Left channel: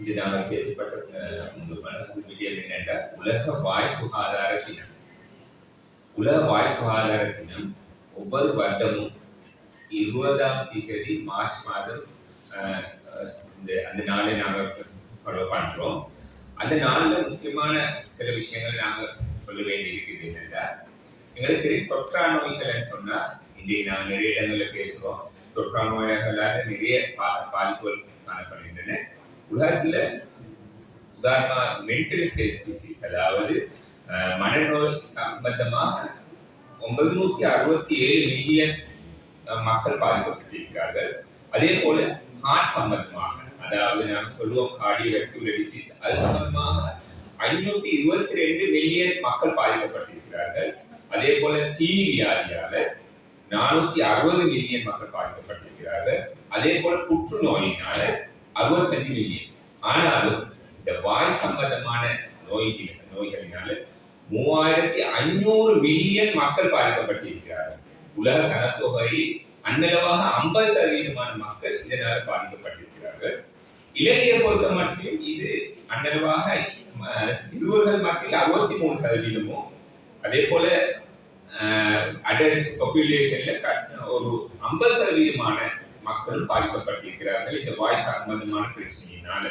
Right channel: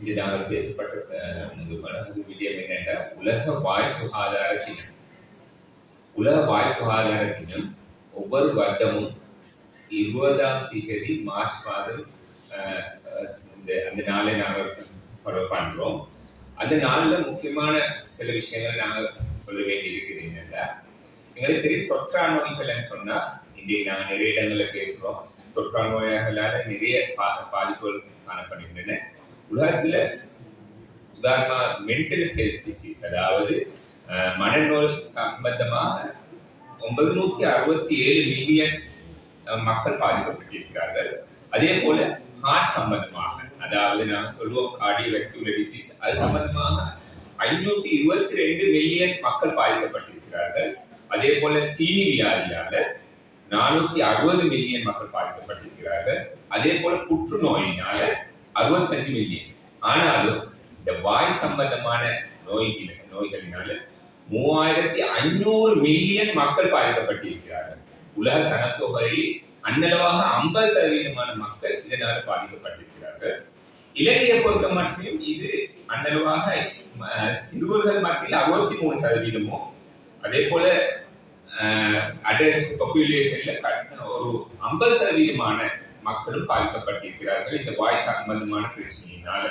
இங்கே நாங்கள் பேசப்பட்ட விடயம் என்னென்றால் உலக வாய் சுகாதார தினம். உலக வாய் சுகாதார தினம் ஒவ்வொரு வருடமும் 20ஆம் தேதி மார்ச் மாதம் அந்த நாளை நாங்கள் ஃபாலோ பண்ணுறோம். அந்த நாளில் முக்கியமான சில விஷயங்கள் நாங்கள் சொல்ல வேண்டியிருக்கிறது என்னென்னா, எங்களுக்கு தெரியும் தொற்றா நோய்கள்னு சொன்னால் இன்றைக்கு நாங்கள் நிறைய இடங்களில் பேசுகிறோம். தொற்றா நோய்களால் நிறைய பாதிப்புகள் காணப்படுகின்றன. உலகத்தில் உதாரணமாக மென்டல் ஹெல்த் டிசீஸ், அதாவது மனநோய் சம்பந்தமாக 967 மில்லியன் மக்கள் பாதிக்கப்பட்டிருக்கிறார்கள். அதே போல ஹார்ட் சம்பந்தமாக, அதாவது நாங்கள் சொல்லுவோம் கார்டியோவாஸ்குலர் டிசீஸ், அது சம்பந்தமாக 522 மில்லியன் மக்கள் பாதிக்கப்பட்டிருக்கிறார்கள். அதே போல சீனி வியாதியால 460 மில்லியன் மக்கள் பாதிக்கப்பட்டிருக்கிறார்கள். அதே போல புற்றுநோயினால 65 மில்லியன். ஆனாலும் இந்த வாய் சம்பந்தமான நோய்களினால 3500 மில்லியன் மக்கள் பாதிக்கப்பட்டிருக்கிறார்கள். உலக சனத்தொகை அன்னளவாக 50% மக்கள் இதனால் பாதிக்கப்பட்டிருக்கிறார்கள். இலங்கையை பொறுத்த மட்டும் இது அன்னளவாக சிறுவர்கள் மத்தியில் 63%, அதே போல அடல்ட் பாப்புலேஷன்ல ஒரு 50% மக்களும் பாதிக்கப்பட்டிருக்கிறார்கள் இந்த வாய் சம்பந்தமான பிரச்சனையினால.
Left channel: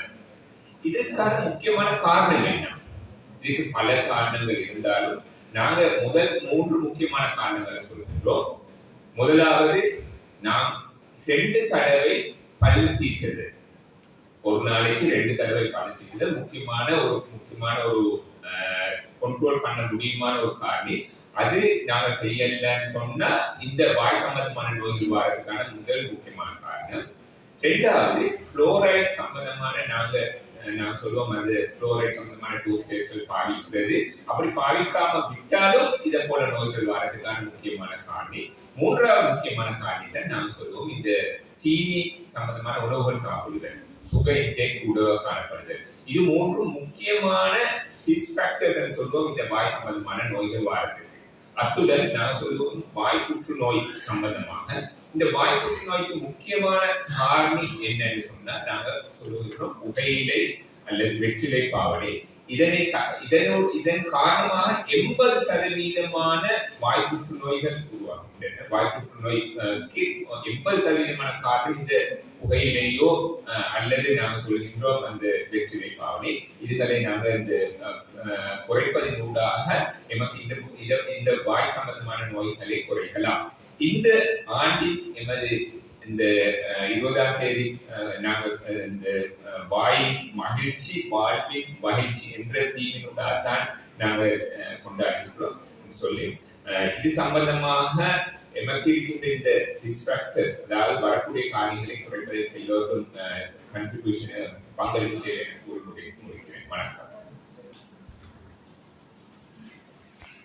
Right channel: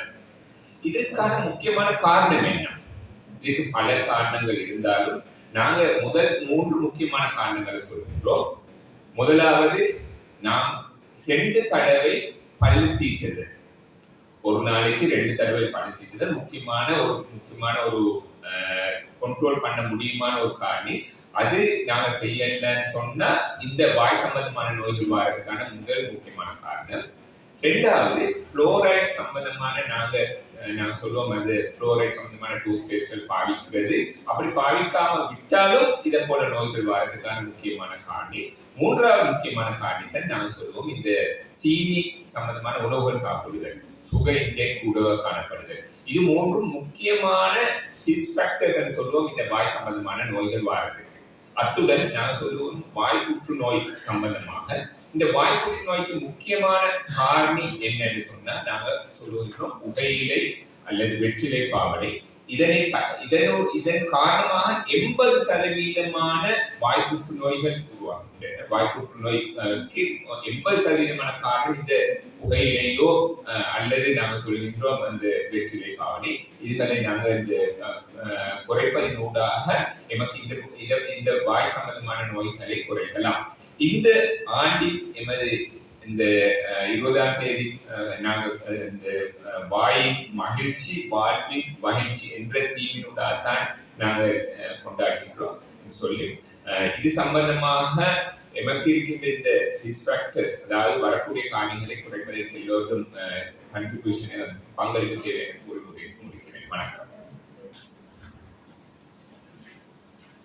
இதற்கான முக்கியமான காரணம் என்ன? இதுக்கு பல காரணங்கள் இருந்தாலும் நாங்க முதல் 3 முக்கியமான காரணங்களை சொல்கின்றோம். முதலாவது, நாம் 2 தடவை பல்லு தீட்டுறது, ஒரு நாளைக்கு 2 தடவை பல்லு தீட்டுறது முக்கியமான ஒரு கண்ட்ரோல் பண்ண முடியுமான ஒரு காரணம். அது நாங்க செய்யலன்னு சொன்னா இந்த வாய் சம்பந்தமான நோய்கள் வரதுக்கான முதல் முக்கியமான காரணம். 2வது, புளோரைட் சம்பந்தமான நாங்க சொல்லுவோம், அது புளோரைட் சம்பந்தமான டூத் பேஸ்ட் பாவிக்கிறது. அப்படி பாவிக்காம விட்டாலும் இதை போல நோய்கள் வரதுக்கான முக்கியமான காரணம். 3வது முக்கியமான காரணத்தை நாங்க சொல்லுவோம், இந்த சீனி சம்பந்தமான உணவுகள் சாப்பிடுதல், சுகர் இன்டேக் கூடவா காணப்படுதல். இது 3 முக்கியமான ரிஸ்க் ஃபேக்டர்ஸ் சொல்லுவோம் இந்த வாய் சம்பந்தமான நோய்கள் வரது. அத்துடன் நாங்க சொல்லுவோம் வாய் புற்றுநோய் சம்பந்தமாக. இந்த வாய் புற்றுநோய்க்கு முக்கியமான காரணி என்னன்னு சொன்னா நாங்க சொல்லுகிறோம் புகையிலை அல்லது வெற்றிலை பாவனை. இதன் காரணமாக 80% வாய் புற்றுநோய்கள் உருவாகின்றன. வாய் புற்றுநோய்க்கு 80% காரணம் இந்த புகையிலையோ அல்லது நாங்க சொல்கின்றோம் அந்த வெற்றிலை பாவனை. இதுகளை நாங்க இந்த குறைப்பதின் ஊடாக எமக்கு இந்த வாய் சம்பந்தமான நோய்களை குறைக்கலாம். இந்த ஆண்டின் எமது இந்த 20ஆம் தேதி நாங்கள் இந்த வாயின் மகிழ்ச்சி வாழ்வின் மகிழ்ச்சி என்ற தீவினூடாக தான் நாங்கள் கொண்டாடுகின்றோம் சொல்லி, இது சம்பந்தமாக எமக்கு இருக்கின்ற இந்த ரிஸ்க் ஃபேக்டர்ஸ், அதாவது வரக்கூடிய காரியங்களை குறைப்பதற்கு எல்லோருக்கும் கண்ட்ரிபியூஷன் பங்களிப்பு தேவை.